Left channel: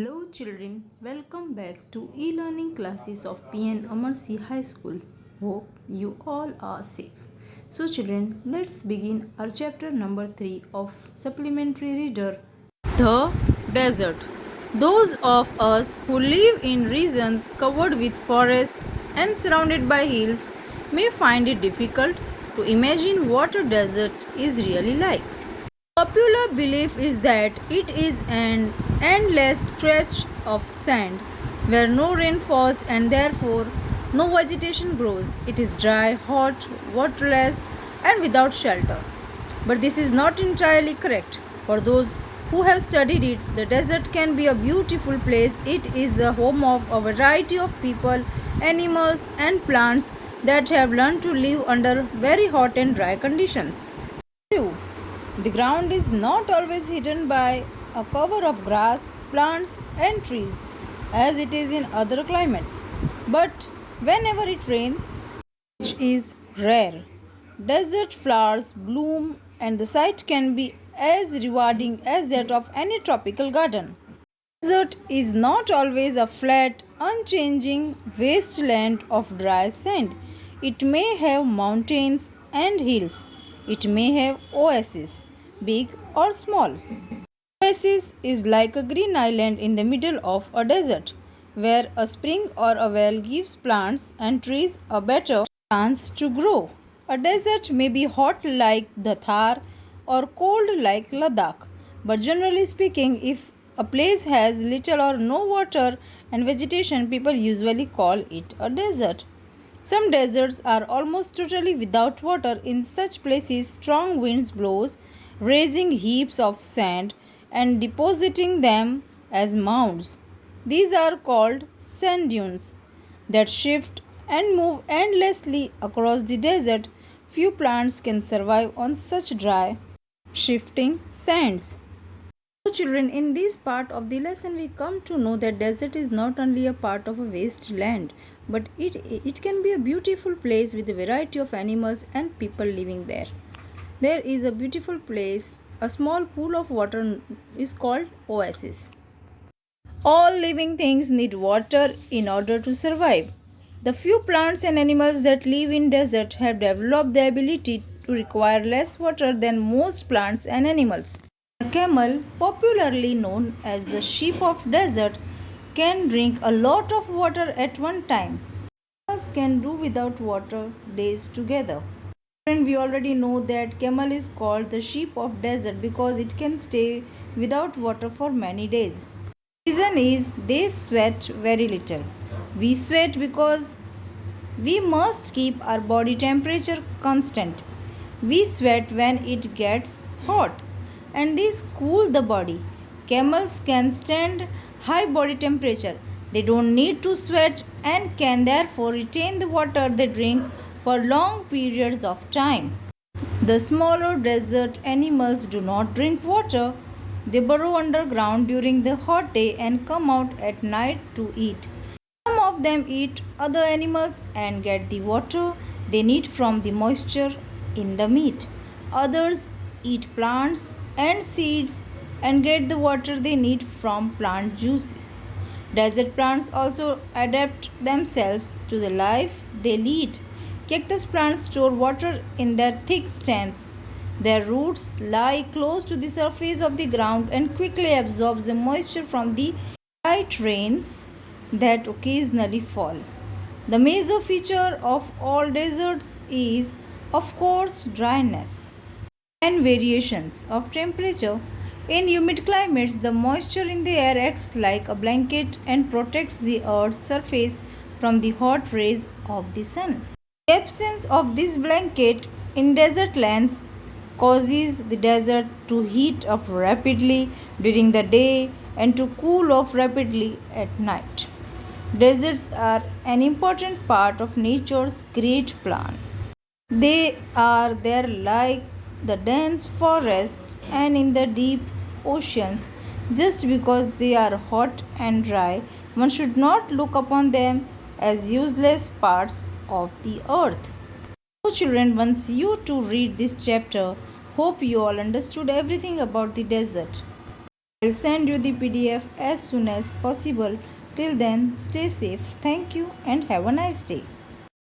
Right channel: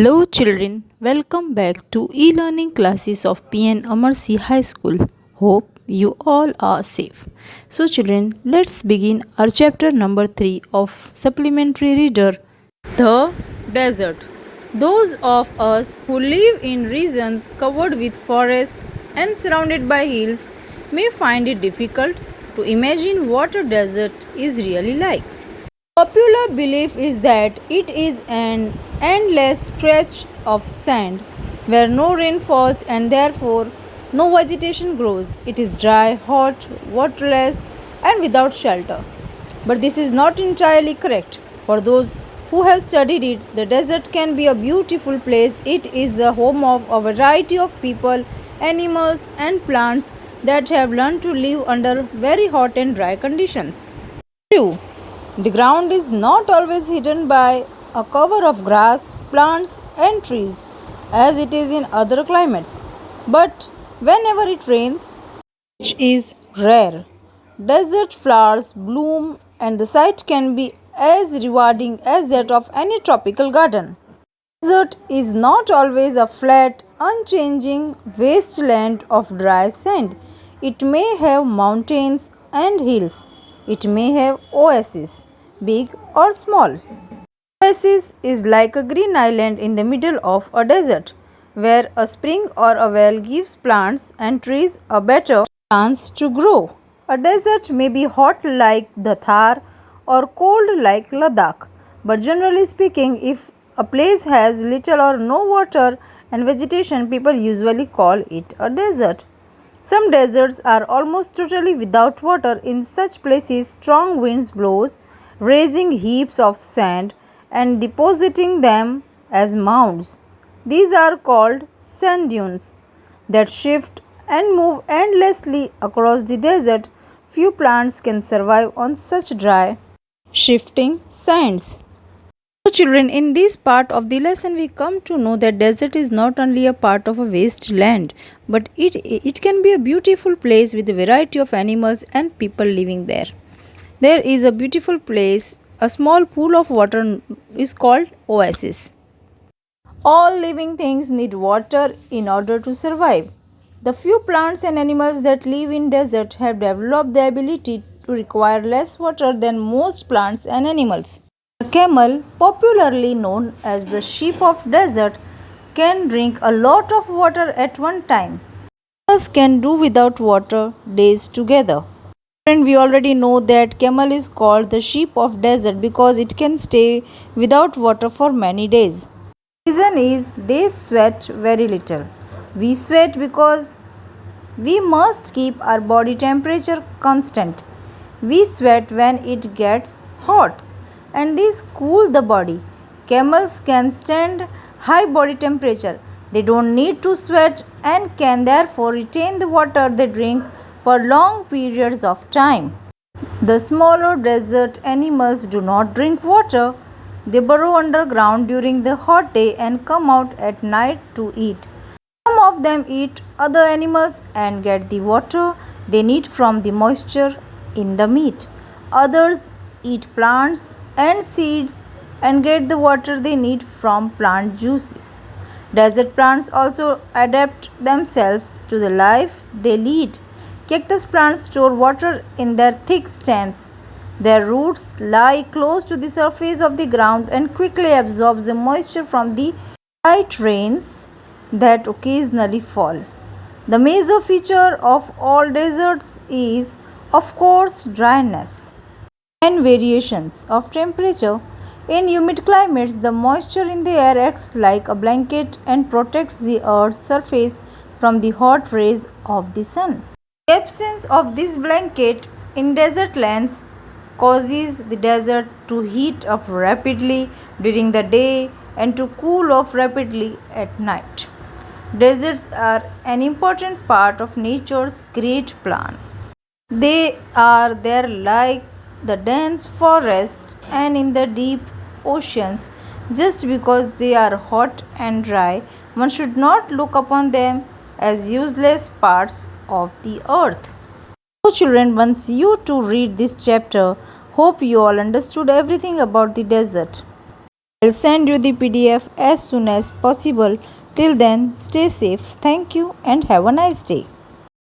Hello children, welcome back to e-learning classes of PN Amarsi High School. Hope you all are safe. So children, let's begin our chapter number 3 of supplementary reader, The Desert. Those of us who live in regions covered with forests and surrounded by hills may find it difficult to imagine what a desert is really like. Popular belief is that it is an endless stretch of sand where no rain falls and therefore no vegetation grows. It is dry, hot, waterless, and without shelter. But this is not entirely correct. For those who have studied it, the desert can be a beautiful place. It is the home of a variety of people, animals, and plants that have learned to live under very hot and dry conditions. True. The ground is not always hidden by a cover of grass, plants, and trees as it is in other climates. But whenever it rains, which is rare, desert flowers bloom and the sight can be as rewarding as that of any tropical garden. Desert is not always a flat, unchanging wasteland of dry sand. It may have mountains and hills. It may have oases, big or small. Oasis is like a green island in the middle of a desert, where a spring or a well gives plants and trees a better chance to grow. A desert may be hot like the Thar or cold like Ladakh, but generally speaking, if a place has little or no water and vegetation, people usually call it a desert. Some deserts are almost totally without water. In such places, strong winds blows, raising heaps of sand and depositing them as mounds. These are called sand dunes that shift and move endlessly across the desert. Few plants can survive on such dry, shifting sands. So children, in this part of the lesson we come to know that desert is not only a part of a wasteland, but it can be a beautiful place with a variety of animals and people living there. There is a beautiful place, a small pool of water is called oasis. All living things need water in order to survive. The few plants and animals that live in desert have developed the ability to require less water than most plants and animals. The camel, popularly known as the sheep of desert, can drink a lot of water at one time. Camels can do without water days together. And we already know that camel is called the sheep of desert because it can stay without water for many days. The reason is they sweat very little. We sweat because we must keep our body temperature constant. We sweat when it gets hot and this cool the body. Camels can stand high body temperature. They don't need to sweat and can therefore retain the water they drink for long periods of time. The smaller desert animals do not drink water. They burrow underground during the hot day and come out at night to eat. Some of them eat other animals and get the water they need from the moisture in the meat. Others eat plants and seeds and get the water they need from plant juices. Desert plants also adapt themselves to the life they lead. Cactus plants store water in their thick stems. Their roots lie close to the surface of the ground and quickly absorb the moisture from the light rains that occasionally fall. The major feature of all deserts is, of course, dryness and variations of temperature. In humid climates, the moisture in the air acts like a blanket and protects the earth's surface from the hot rays of the sun. The absence of this blanket in desert lands causes the desert to heat up rapidly during the day and to cool off rapidly at night. Deserts are an important part of nature's great plan. They are there like the dense forests and in the deep oceans. Just because they are hot and dry, one should not look upon them as useless parts of the earth. So, children, once you two read this chapter, hope you all understood everything about the desert. I'll send you the PDF as soon as possible. Till then, stay safe. Thank you and have a nice day.